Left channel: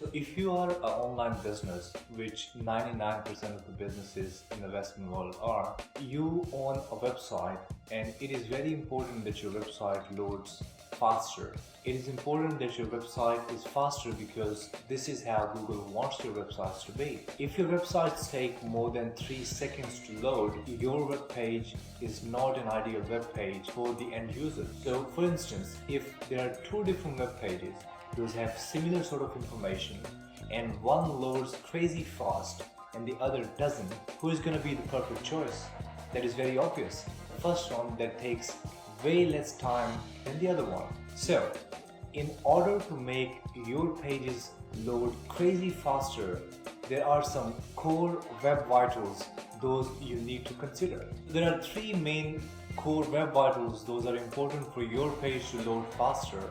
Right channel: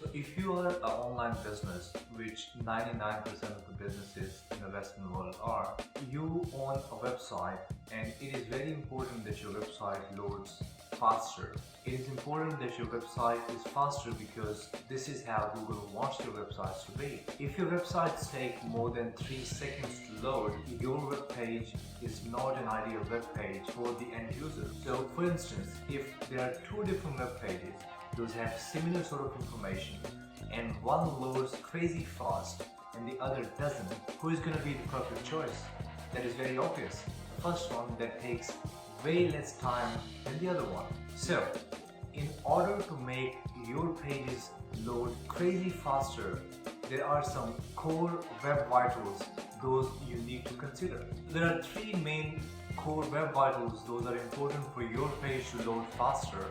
So if you are an online business, which 99% of the businesses in the Western world are, you own a website and it is very important that your website loads faster. It is important that your website is faster because this is how Google wants your websites to be. If your websites take more than 3 seconds to load, your web page is not an ideal web page for the end user. So for instance, if there are two different web pages, those have similar sort of information and one loads crazy fast and the other doesn't, who is going to be the perfect choice? That is very obvious. The first one that takes way less time than the other one. So, in order to make your pages load crazy faster, there are some core web vitals those you need to consider. There are three main core web vitals those are important for your page to load faster.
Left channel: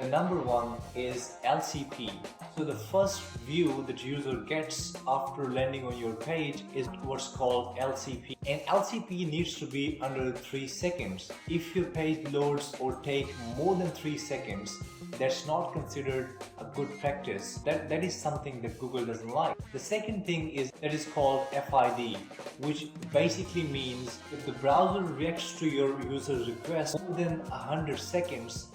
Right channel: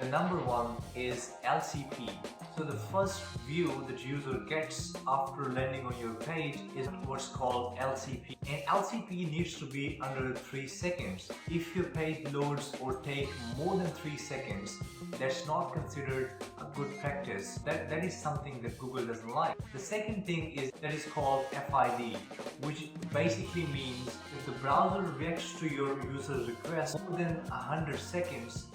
The number one is LCP. So the first view that user gets after landing on your page is what's called LCP. And LCP needs to be under 3 seconds. If your page loads or take more than 3 seconds, that's not considered a good practice. That is something that Google doesn't like. The second thing is that is called FID, which basically means if the browser reacts to your user's request more than 100 seconds,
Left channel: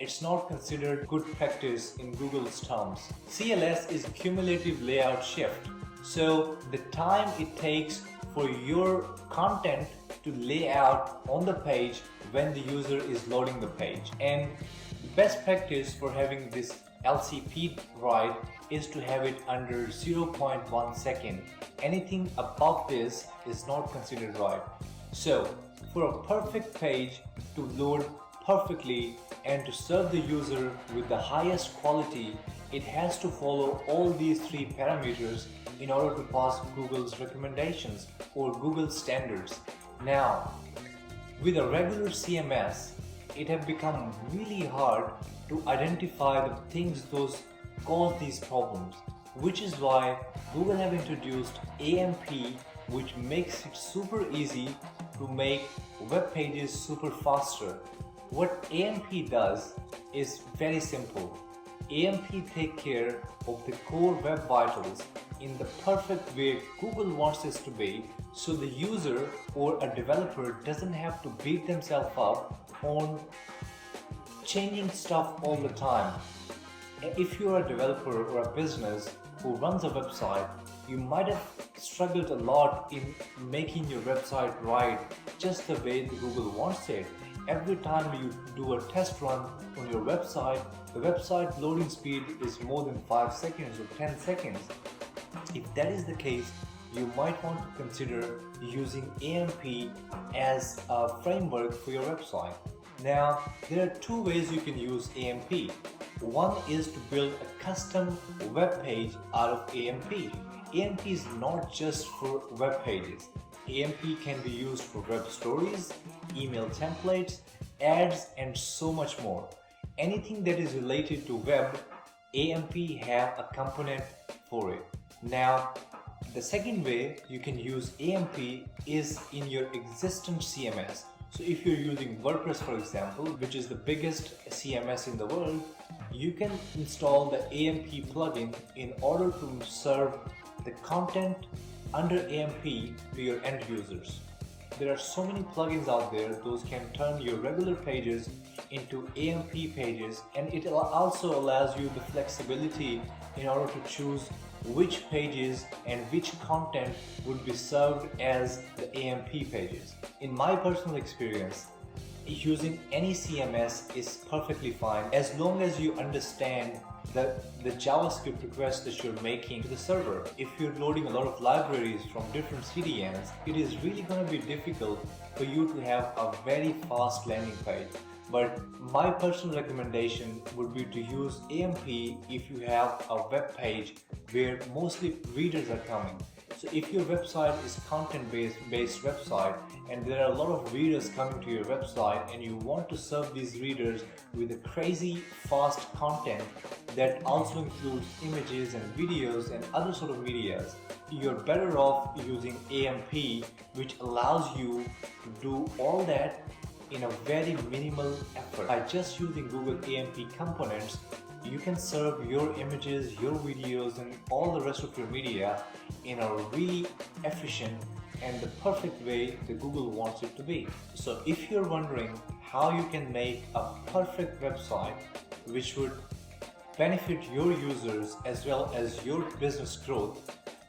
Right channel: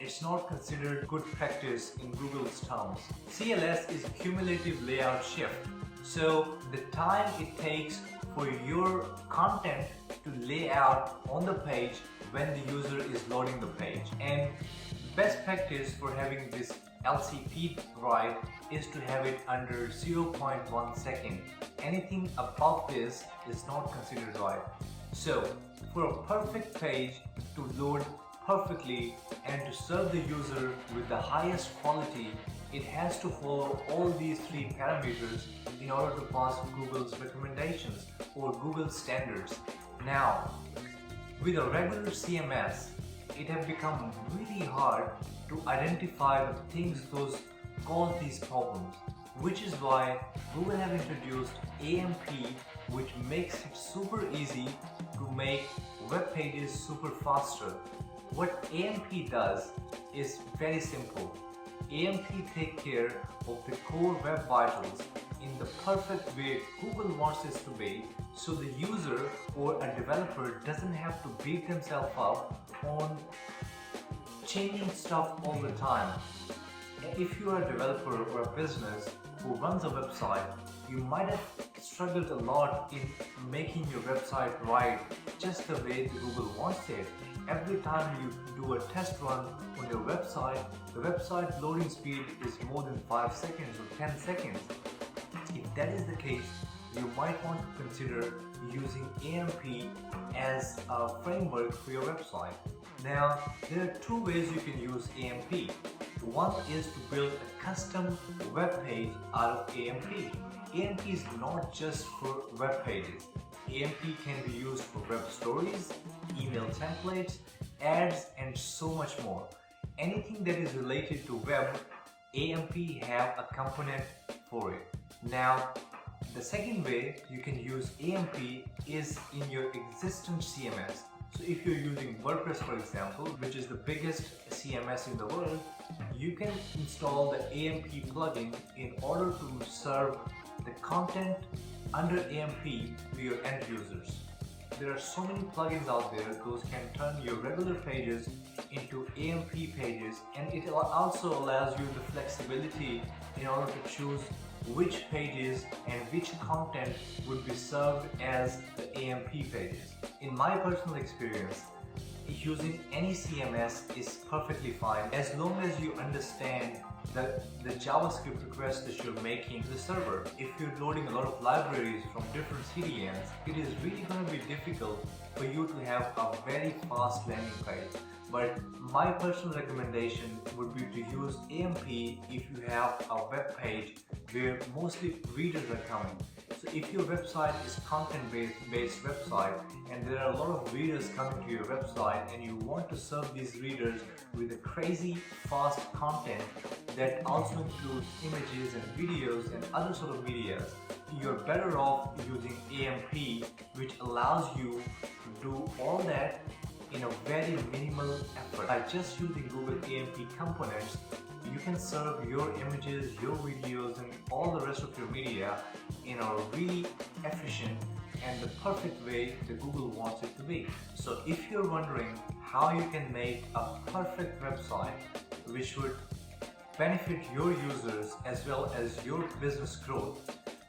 it's not considered good practice in Google's terms. CLS is cumulative layout shift. So the time it takes for your content to lay out on the page when the user is loading the page. And best practice for having this LCP right is to have it under 0.1 second. Anything above this is not considered right. So for a perfect page to load perfectly and to serve the user with the highest quality, it has to follow all these three parameters in order to pass Google's recommendations or Google standards. Now, with a regular CMS, it has become really hard to identify the things those cause these problems, which is why Google have introduced AMP, which makes it super easy to make web pages super faster. What AMP does is very simple. AMP takes care of the core web vitals in the perfect way Google wants this to be, so the user or a developer doesn't have to beat themselves up on changing stuff all the time. If you are a developer or a business who runs a website, you might have struggled a lot in making your website right just the way Google wants it. Every time you do a test run on your website, the website loading speed is more than 5 seconds or 10 seconds. If that is the case, you might want to consider using AMP as a framework for your website. Now, there are two ways you can use AMP. One is to build a custom web page out of AMP. AMP is not just for web pages. AMP can be used for web stories, email templates, ads, and so much more. Anything that is related to web, AMP have a component for it. Now, the second way you can use AMP is in your existing CMS. So if you're using WordPress, for example, which is the biggest CMS in the world, you can install the AMP plugin in order to serve the content under AMP to your end users. There are so many plugins out there, those can turn your regular pages into AMP pages, and it also allows you the flexibility in order to choose which pages and which content would be served as the AMP pages. In my personal experience, using any CMS is perfectly fine as long as you understand the JavaScript requests that you're making to the server. If you're loading a lot of libraries from different CDNs, it is really going to be difficult for you to have a very fast landing page. But my personal recommendation would be to use AMP if you have a web page where mostly readers are coming. So if your website is content-based website and there are a lot of readers coming to your website and you want to serve these readers with a crazy fast content that also includes images and videos and other sort of medias, you're better off using AMP, which allows you to do all that in a very minimal effort. By just using Google AMP components, you can serve your images, your videos, and all the rest of your media in a really efficient and the perfect way that Google wants it to be. So if you're wondering how you can make a perfect website which would benefit your users as well as your business growth,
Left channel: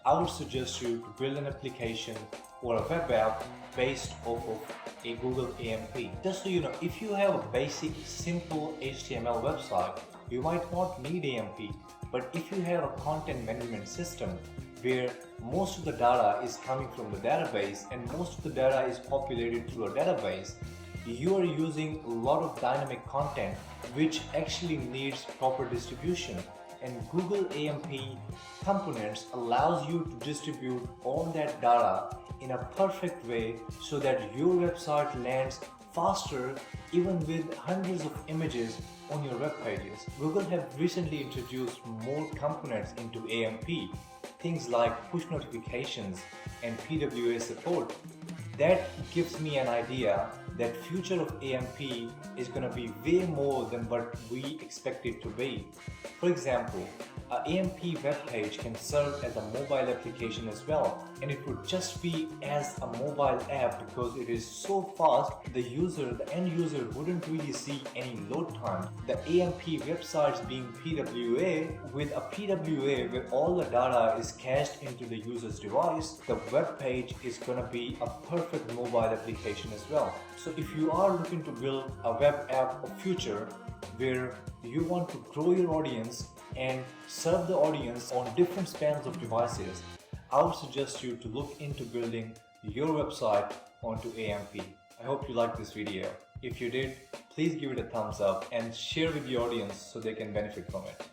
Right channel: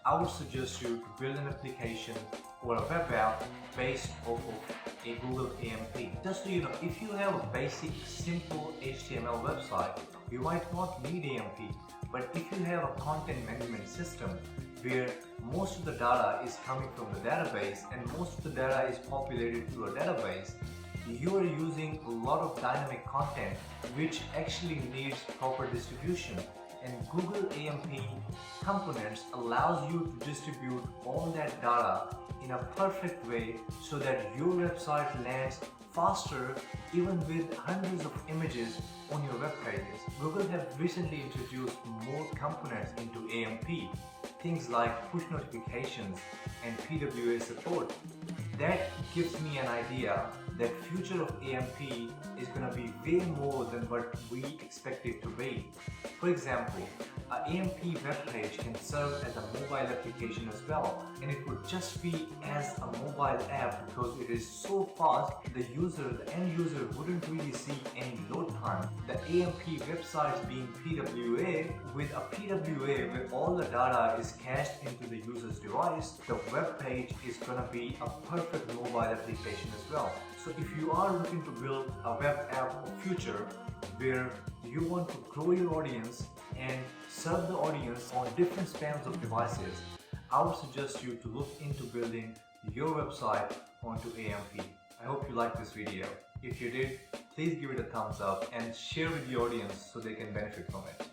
I would suggest you to build an application or a web app based off of a Google AMP. Just so you know, if you have a basic, simple HTML website, you might not need AMP. But if you have a content management system where most of the data is coming from the database and most of the data is populated through a database, you are using a lot of dynamic content which actually needs proper distribution, and Google AMP components allows you to distribute all that data in a perfect way so that your website lands faster even with hundreds of images on your web pages. Google have recently introduced more components into AMP, things like push notifications and PWA support. That gives me an idea that future of AMP is going to be way more than what we expect it to be. For example, an AMP web page can serve as a mobile application as well, and it would just be as a mobile app because it is so fast the end user wouldn't really see any load time. The AMP websites being PWA, with a PWA where all the data is cached into the user's device, the web page is going to be a perfect mobile application as well. So if you are looking to build a web app of future where you want to grow your audience and serve the audience on different spans of devices, I would suggest you to look into building your website onto AMP. I hope you liked this video. If you did, please give it a thumbs up and share with the audience so they can benefit from it.